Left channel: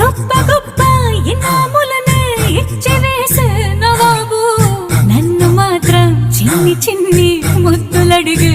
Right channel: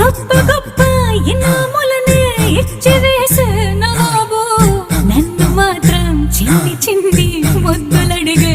గొప్ప గొప్ప ఇనాములనే ఇచ్చివేసే నవాబు, నన్ను మాత్రం చిన్ని చిన్ని ముద్దులడిగే